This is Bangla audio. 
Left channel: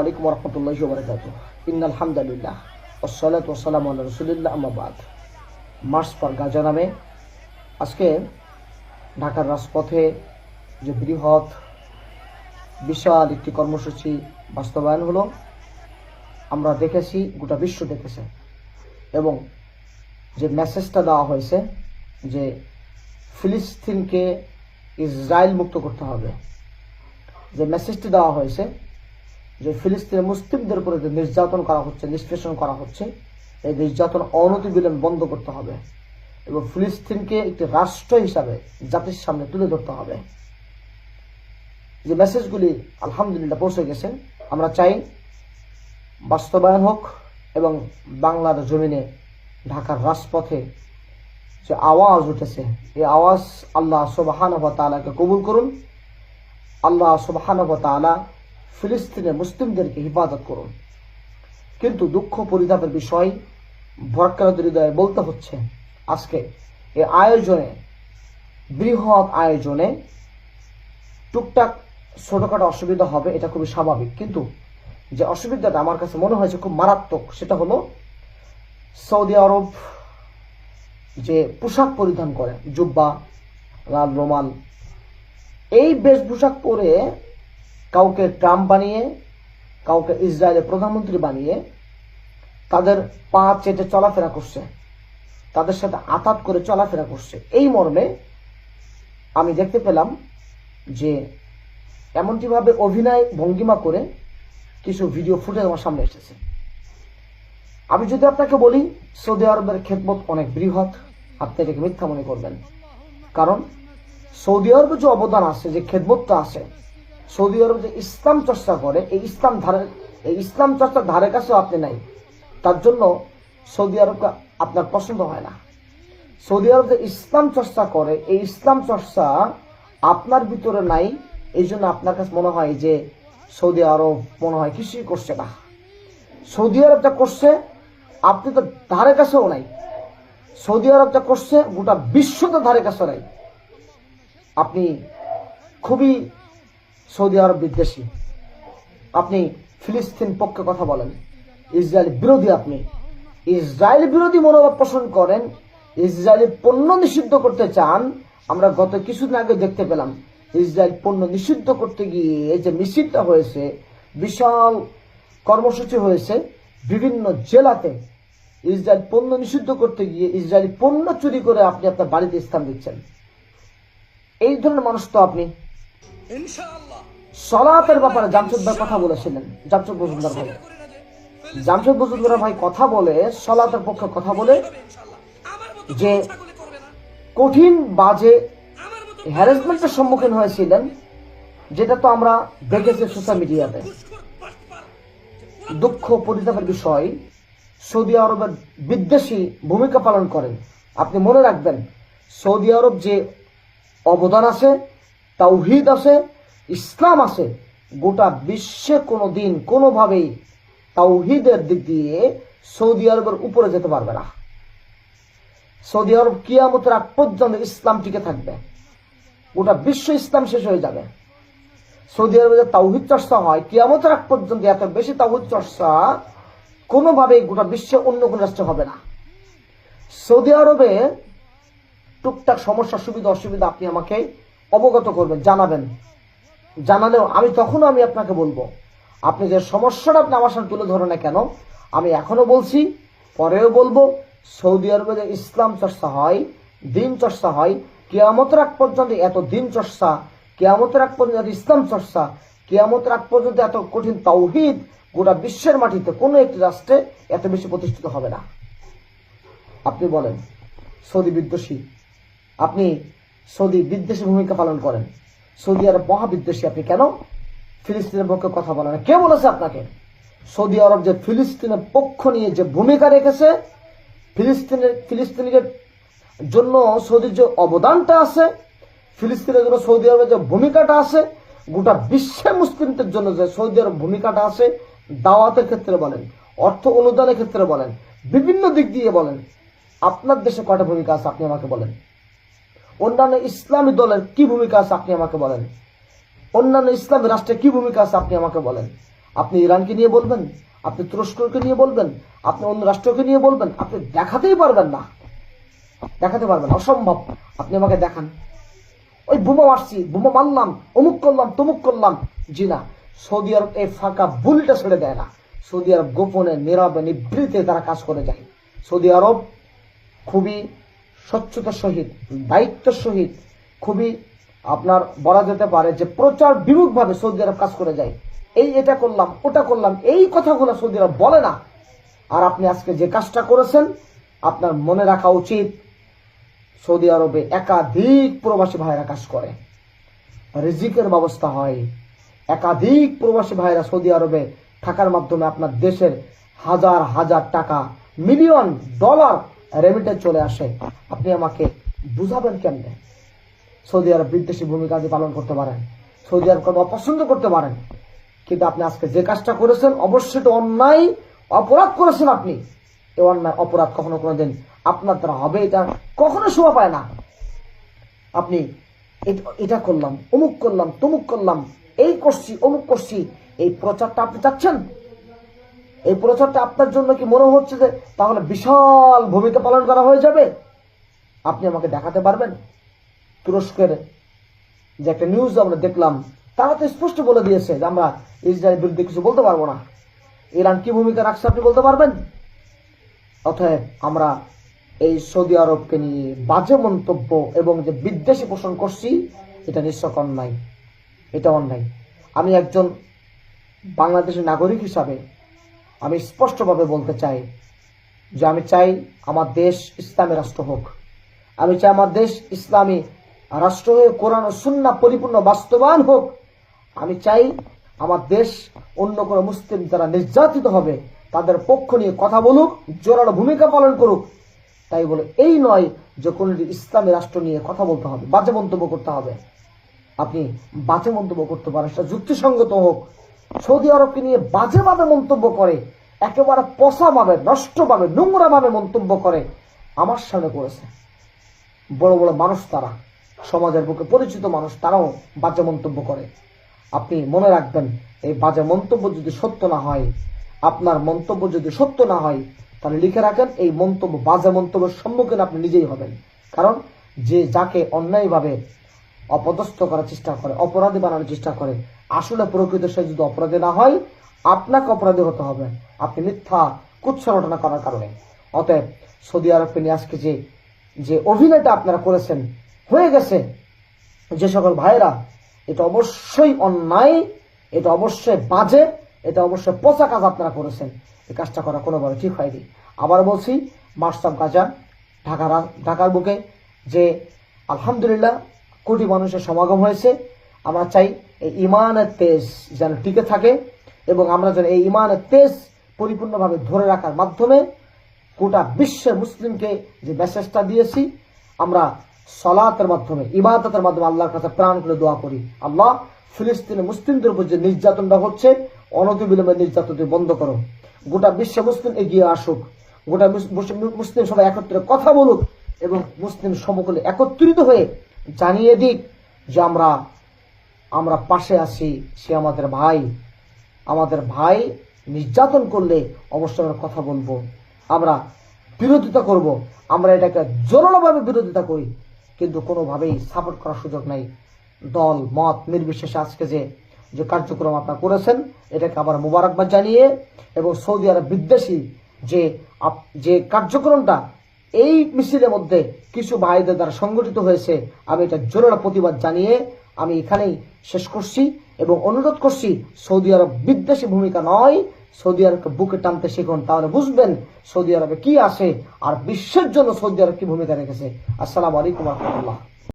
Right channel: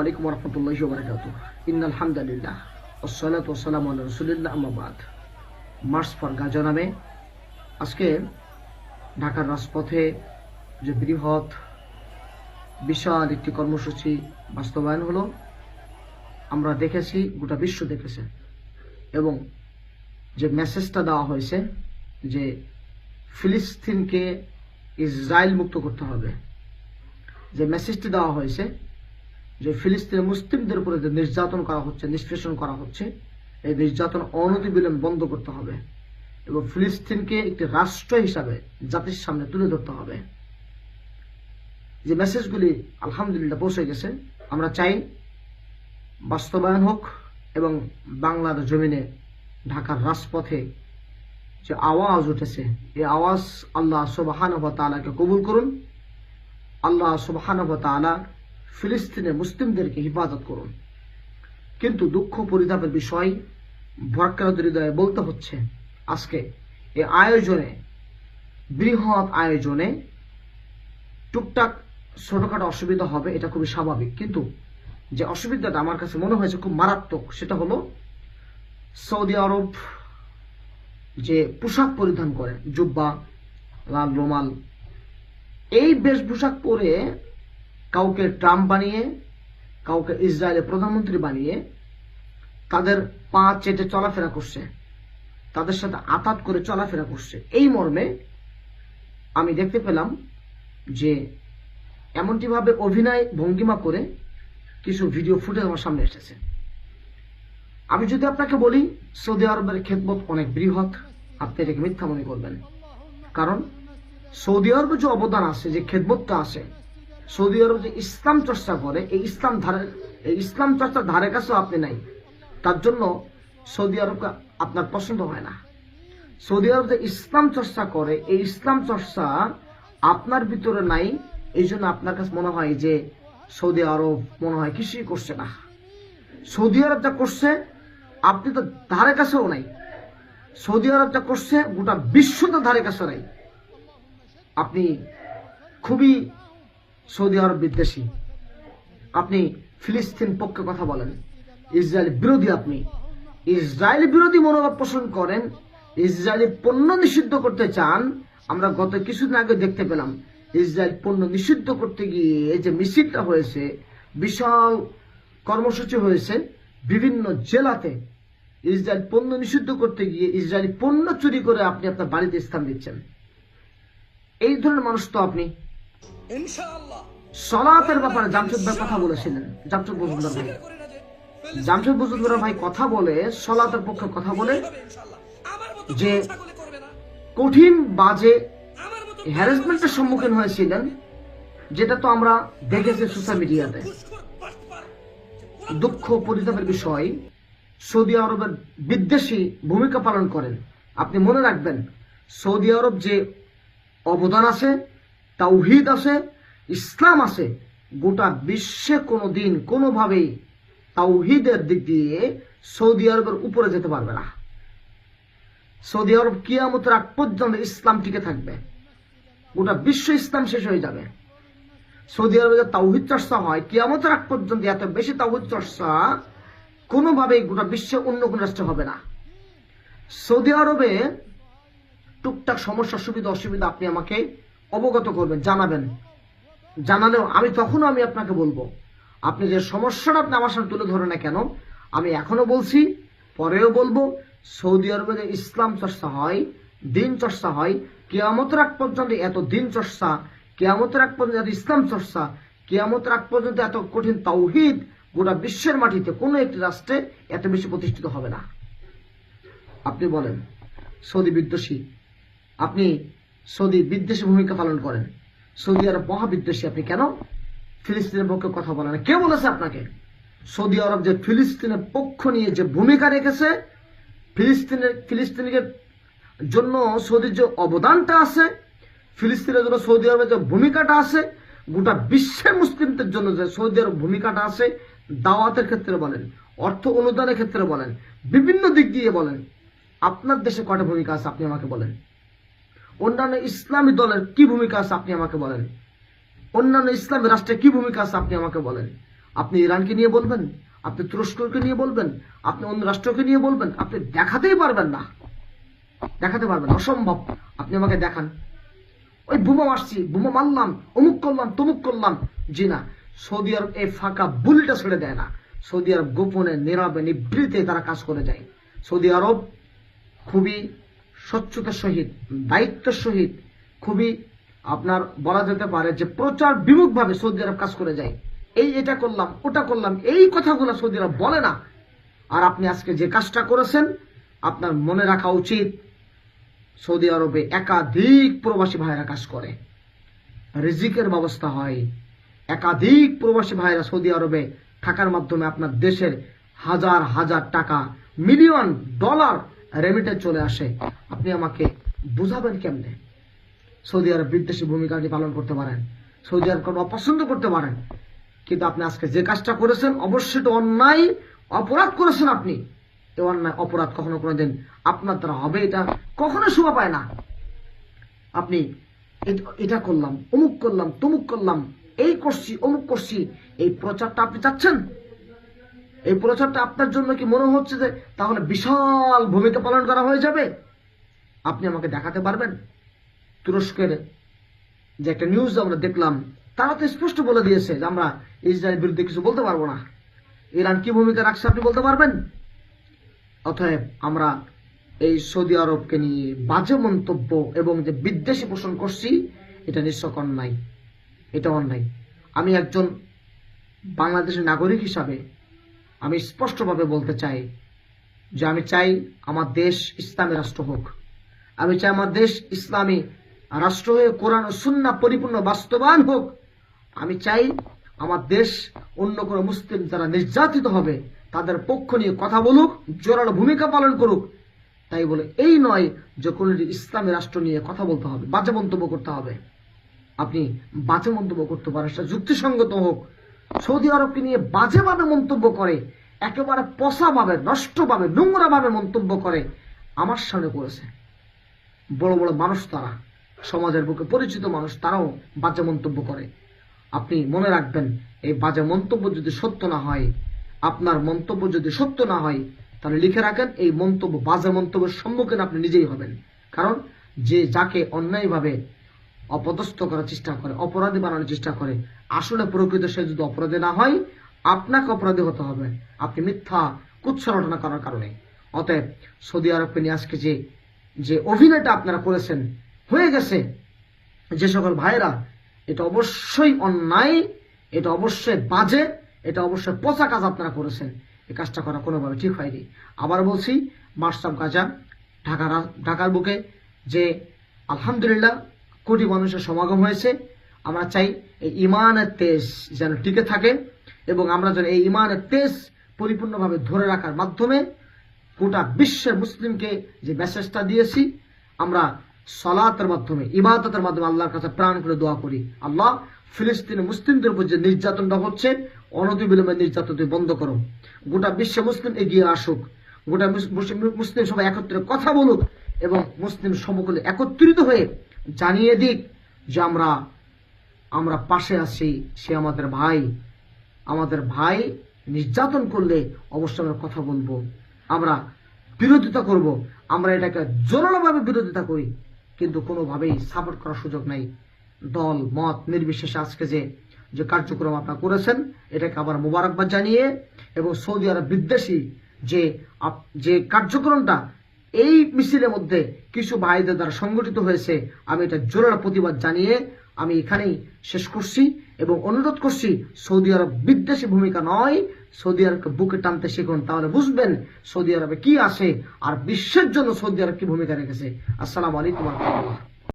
আলাইকুম রহমতুল্লাহ বরকাত ইন আলহামদুলিল্লাহ ওসালাত ওসালাম রসুলিল্লাহ আমাবাদ মার্চ ফর গাজা নামে আজকে ঢাকার রাজপথে যে বৃহৎ, বিশাল একটি কর্মসূচি বাস্তবায়ন হলো, আমরা দেখেছি, গোটা বিশ্ব দেখেছে, এবং যে মেসেজটা দেওয়া হয়েছে যে ফিলিস্তিনকে ইসরায়েল মুক্ত করতে হবে, যে মেসেজটি দেওয়া হয়েছে যে ফিলিস্তিনের মুসলিমদের উপরে যে নির্যাতন করা হচ্ছে, নিষ্পেষণ করা হচ্ছে, এই নির্যাতন অনতিবিলম্ব বন্ধ করতে হবে এবং ফিলিস্তিনকে একটি রাষ্ট্র হিসাবে জাতির সামনে তুলে ধরতে হবে। যে মেসেজগুলি আলহামদুলিল্লাহ পৌঁছে গেছে, আমরা চাই বাস্তবায়ন হোক এবং বাংলার জমিনে ঢাকার রাজপথে যে আওয়াজ উঠেছে, এই আওয়াজ আল্লাহ সুবাহান তালাকে কবুল করুন। আল্লাহ সুবাহান তালা ফিলিস্তিনে মুসলিমদেরকে হিফাজত করুন। কিন্তু দুঃখ পরিতাপের বিষয় ভরকারত হৃদয়ে বলতে হচ্ছে, আজকে এই আয়োজনে, বৃহৎ আয়োজনে টুকটাক ছোটখাটো অসুবিধা হবে, এটা খুবই স্বাভাবিক। কিন্তু যে অসুবিধাটা আমার কাছে মনে হয়েছে খুব মারাত্মক, সেটা হলো সৌদি আরব যে পোশাক পরিধান করে, জুব্বা, লাল রোমাল, এই বেশভূষাক পরে কাউকে ট্রাম্প বানিয়ে, কাউকে ইসরায়েলের প্রধানমন্ত্রী বানিয়ে তাদের পা চেটে চলাফেরা করছে, তাদের সাথে আতাত করে চলাফেরা করছে। এই মর্মে আমি দেখতে পেলাম যে এমনটিভাবে অভিনয় ভঙ্গিমা করে কিছু ভিডিও ফুটেজ আমার সামনে এসেছে। আমি যদি আপনাকে বলি, সৌদি আরবের খেদমত অনেক বৃহৎ, আপনি এটাকে মিথ্যা মনে করবেন। কারণ সৌদি আরবে যে অবদান আছে, যে খেদমতটা আছে সৌদি আরব যে ইসলাম চর্চা করে, এই ইসলাম ধারে এই ইসলাম চর্চার ধারে কাছেও আপনি নাই। তার জন্য সৌদি আরবকে আপনার পছন্দ হয় না। সৌদি আরব যে ইসলাম চর্চা করে, এই ইসলাম চর্চা আপনার ভিতরে নাই। এই জন্য আপনার কাছে মনে হয় যে সৌদি আরব মনে হয় কিছুই করছে না। সৌদি আরব যা করছে, আপনি তো ধারে কাছেও নাই। সৌদি আরব যা করছে, গোটা বিশ্ব তো ধারে কাছে নাই। আপনি খুবই সৌদি আরব বিদ্বেষী। আপনি ফিলিস্তিন পক্ষে কথা বলেন। ইসরায়েল বিরোধী আপনি। ইসরায়েল বিরোধী মনোভাব পোষণ করেন। ইসরায়েলি পণ্য নিষিদ্ধ করতে চান। আমরা গত কিছুদিন আগে দেখতে পেলাম, ইসরায়েল পণ্য নিষিদ্ধ করতে গিয়ে যে মিছিলটা হয়েছে, বিশাল কর্মসূচি হয়েছে বিভিন্ন জেলাতে। ইসরায়েল পণ্য নিষিদ্ধ করতে গিয়ে ইসরায়েলি পণ্য চুরি করে আপনি আপনার বাড়িতে স্থান দিচ্ছেন। এই ধরনের মানুষ তো আপনি। সলাতের ব্যাপারে জামশেদ ভাই কথা বলেছিলেন। জামশেদ মজুমদার ভাই। জামশেদ মজুমদার ভাই কথা বলে সলাতের পক্ষে কথা বলে যে কঠিন বাজে হ্যারাসমেন্টের সম্মুখীন হয়েছিলেন যেটা তো আমরা দেখেছি সোশ্যাল মিডিয়াতে দুঃখ পরিতাপের বিষয় সৌদি আরবের বিদ্বেষী ভূমিকা পালন করেন। আপনি মনে রাখবেন সৌদি আরব যে অবদান আছে তাওহিদ আছে, ইসলাম আছে, গোটা বিশ্বে কোনো দিন কোনোভাবেই তাওহিদের দিক দিয়ে সৌদি আরবের উপরে যেতে পারবে না। সৌদি আরব কিয়ামতের আগ পর্যন্ত ইসলাম টিকে থাকবে। গোটা বিশ্ব ইসলাম শেষ হয়ে যাবে। সৌদি আরবে যে তাওহিদ চর্চা হয়, কিয়ামতের আগ পর্যন্ত এত বেশি তাওহিদ চর্চা কোনোভাবেই গোটা বিশ্বে অন্য কোন রাষ্ট্রে হবে না। সৌদি আরবে টুকটাক সমস্যা, সুবিধা, অসুবিধা আপনি আমাকে অবগত করবেন, জানাবেন। জানালেও আমি তখনও আমি আপনাকে বলব, আপনি যে সমস্যাটা আপনি আমার সামনে তুলে ধরে না কেন, আমি এখনও বলছি, পরেও বলব, সৌদি আরবে যে ইসলাম চর্চা হয়, দিন চর্চা হয়, কেয়ামতের আগ পর্যন্ত এত দিন চর্চা, কেয়ামতের আগ পর্যন্ত এত ইসলাম চর্চা, কেয়ামতের আগ পর্যন্ত এত কঠিন তাওহিদ গোটা বিশ্বের মাটিতে কোনো একটি রাষ্ট্রে এত বেশি প্রতিষ্ঠিত হবে না। আপনি বলেন, সৌদি বিদ্বেষী, আপনি সৌদি বিদ্বেষী ভূমিকা পালন করেন। সৌদি আরব মহাবিদ্বেষী, আপনি কেন ফিলিস্তিনের পক্ষে কথা বলেন কে বলেছে আপনাকে? সৌদি আরব যে ফিলিস্তিনের পক্ষ নিয়ে যে ভূমিকা রেখেছে, ফিলিস্তিনের ফিলিস্তিনের জন্য সৌদির যে অবদানটা আছে, ফিলিস্তিনের জন্য সৌদি আরবের যে ভূমিকাটা আছে, গোটা বিশ্বের মুসলিমদের জন্য যে সৌদি আরব ভূমিকাটা আছে, দাওয়াতের ক্ষেত্রে বলেন, অর্থ অনুদানের ক্ষেত্রে বলেন, বিভিন্ন দিক দিয়ে বলেন, আপনার দেশে কটা ভূমিকা আছে? আপনি আমাকে বলেন। অন্যান্য ইসলামী দলের কি ভূমিকা আছে আপনি আমাকে বলেন? অন্যান্য ইসলামী রাষ্ট্রে কি ভূমিকা আছে আপনি আমাকে বলেন? আপনি ইরানকে নিয়ে বলবেন, আপনি তুরস্ককে নিয়ে বলবেন, আপনি অন্য রাষ্ট্রকে নিয়ে বলবেন, আপনি দেখাতেই পারবেন না। দেখাতে পারবেন অসম্ভব। আপনি আমাকে দেখান। ওই বোমা মারছি, বোমা মারলাম, অমুক করলাম, তমুক করলাম। জি না, সৌদি আরব এই ফাঁকা বুলটা ছেড়ে দেয় না। সৌদি আরব গোপনে নীরবে নিবৃতে তারা কাজ করে যায়। সৌদি আরব খুবই স্বচ্ছতার সহিত দায়িত্বের সহিত খুবই আপনার বলা যেতে পারে যে প্রচার বিমুখভাবে সৌদি আরব কাজ করে যায়। এই এটা করলাম, ওটা করলাম, এই কথাগুলো সৌদি আরব বলে না। আর আপনি আজকে যে কাজটা করেছেন, আপনার মনে রাখা উচিত, সৌদি আরবে একাধিক প্রবাসী ভাইরা কাজ করে। রিজিকের ব্যবস্থা হয়। একাধিক প্রবাসী ভাইরা সৌদি আরবে থাকার মাধ্যমে আপনার দেশের হাজার হাজার টাকা, মিলিয়ন ডলার রেমিটে চলে আসে, আপনি আমাকে বুঝাবেন কেমনে? সৌদি আরব বিদ্বেষী ভূমিকা আপনি পালন করতে পারেন? সৌদি আরব কোনো অপছন্দ করতে পারেন? কিন্তু আপনি আজকে যে কাজটা করেছেন, অবশ্যই তো অন্যায়, অপরাধ করেছেন আপনি। এ অন্যায়, অপরাধ কখনো কোনো দিন আপনার দ্বারা হবে, এটা কখনো শোভা পায় না। আপনি এটা করলাম, অমুক করলাম, তমুক করলাম, এই করছি, অমুক করছি, এই প্রচারটা আপনি চাচ্ছেন? এই প্রচারটা আপনার জন্য কি মনে হচ্ছে যে তাহলে বিশাল ভূমিকা পালন করা হয়ে যাবে? আপনি আমাকে দেখাতে পারবেন? তুরস্কের যে একটা নিউজ আমরা দেখলাম, তারা তো স্পষ্ট বলে দিয়েছে যে আমরা ইসরায়েলের বিরুদ্ধে কিছু বলতে পারব না। ইরান কি ভূমিকা রাখছে আপনি বলতে পারবেন? অতএব আমরা এই সৌদি আরবকে নিয়ে বাজে মন্তব্য এবং যে বিদ্বেষী পোষণ করছি, এটা নিশ্চয় অন্যায়। এটা অন্যায়। আমি একজন বাংলাদেশের নাগরিক হিসাবে আমি স্পষ্টভাবে বলতে চাই যে আমি চাই আমার দেশ ইসলামী রাষ্ট্র হোক। আমি চাই আমার দেশ ইসলামী রাষ্ট্র হয়ে কোরআন ও সুন্না পরিপূর্ণ বাস্তবায়ন হোক। আমি চাই আমার দেশ অন্য কোনো মুসলিম যারা নির্যাতিত হবে, তাদের পক্ষ নিয়ে কথা বলুক, জোরালো ভূমিকা পালন করুক। তাই বলে এই নয় যে কোনো ইসলামী রাষ্ট্র নিয়ে কথা বলতে হবে, বাজে মন্তব্য করতে হবে। আপনি বাজে মন্তব্য করতে পারেন, সেটা যুক্তিসঙ্গত হোক। সৌদি আরবকে নিয়ে বাজেভাবে মন্তব্য করে, একেবারে পচাভাবে নষ্টভাবে, নোংরাভাবে মন্তব্য করে আমার সামনে করেছে। বড় বড় মানুষ তারা, সমাজের বুকে পরিচিত মানুষ তারাও বাজে মন্তব্য করে। আপনি মনে রাখবেন, এই বাজে মন্তব্য যদি সত্য না হয়, আপনার মন্তব্য যদি সত্য না হয়, তাহলে লিখে রাখেন, এই মন্তব্য, বাজে মন্তব্যের সম্মুখীন আপনি নিজেই হবেন। কারণ যে যাকে অন্যায়ভাবে অপদস্থ করার চেষ্টা করে, অপরাধী বানানোর চেষ্টা করে আসলে প্রকৃত সে যদি অপরাধী না হয়, আপনাকে অপরাধী হতে হবে। আপনি মিথ্যা কুৎসরটনা করার কারণে। অতএব সৌদি আরবকে নিয়ে আজকে যে যে অভিনয়টা আপনারা করেছেন, হয়ে গেছে। যে সকল ভাইরা এটা অবশ্যই অন্যায়, এটা অবশ্যই বাজে, এটা অবশ্যই পচা কাজ আপনারা করেছেন। এই কাজটা করা কোনোভাবে ঠিক হয়নি। আবার বলছি অফ গাজা ঢাকার ঢাকার বুকে যে আলহামদুলিল্লাহ কোটি মানুষের সমাগম হয়েছে। আমরা চাই এই ইমানের তেজ যেন টিকে থাকে এবং আমরা যেন এই ইমানের তেজ পরিপূর্ণভাবে ধরে রাখার মাধ্যমে গোটা বিশ্বের মুসলিমকে যে মেসেজটা দিয়েছি, আমরা সলাতের মাধ্যমে, ইবাদতের মাধ্যমে আল্লাহর কাছে প্রাণ করে দোয়া করি। আল্লাহ, ফিলিস্তিনে মুসলিমদের উপর যে নির্যাতনটা হচ্ছে অনতিবিলম্বে নির্যাতন তুমি বন্ধ করো। গোটা বিশ্ব মুসলিম এগিয়ে আসুক। গোটা মুসলিম সবাই একত্রে কথা বলুক এবং মুসলিম সমকলে একত্রিত হয়ে জানিয়ে দিক যে আমরা আমরা পাশে আছি, সে আমাদের ভাই। আমাদের ভাই নির্যাতন করলে অবশ্যই আমরা কথা বলব। আমরা বিরোধিতা করব। আমরা এটাকে জোরালোভাবে বিরোধিতা করি। কিন্তু কোনোভাবেই সাপোর্ট করার সুযোগ নাই। দল, মত নির্বিশেষে আজকে যে যে কার্যক্রম আপনারা করেছেন, এটাকে আবার মোবারকবাদ জানিয়ে এবং সৌদি আরব বিদ্বেষী যে যে কার্যক্রমটা, এই মিছিলের মধ্যে কিছু ভাইদের দ্বারা সংগঠিত হয়েছে, আমি এটা জোরালো প্রতিবাদ জানিয়ে আমি এখানেই শেষ করছি এবং অনুরোধ করছি, সৌদি আরব বিদ্বেষী ভূমিকা নয়। সৌদি আরবকে বুকে টানতে শিখুন, তাহলে বুঝবেন সৌদি আরবে কি আছে আর বিশ্বের জন্য সৌদি আরব কি ভূমিকা রেখেছে। আসসালামু আলাইকুম রহমতুল্লাহ।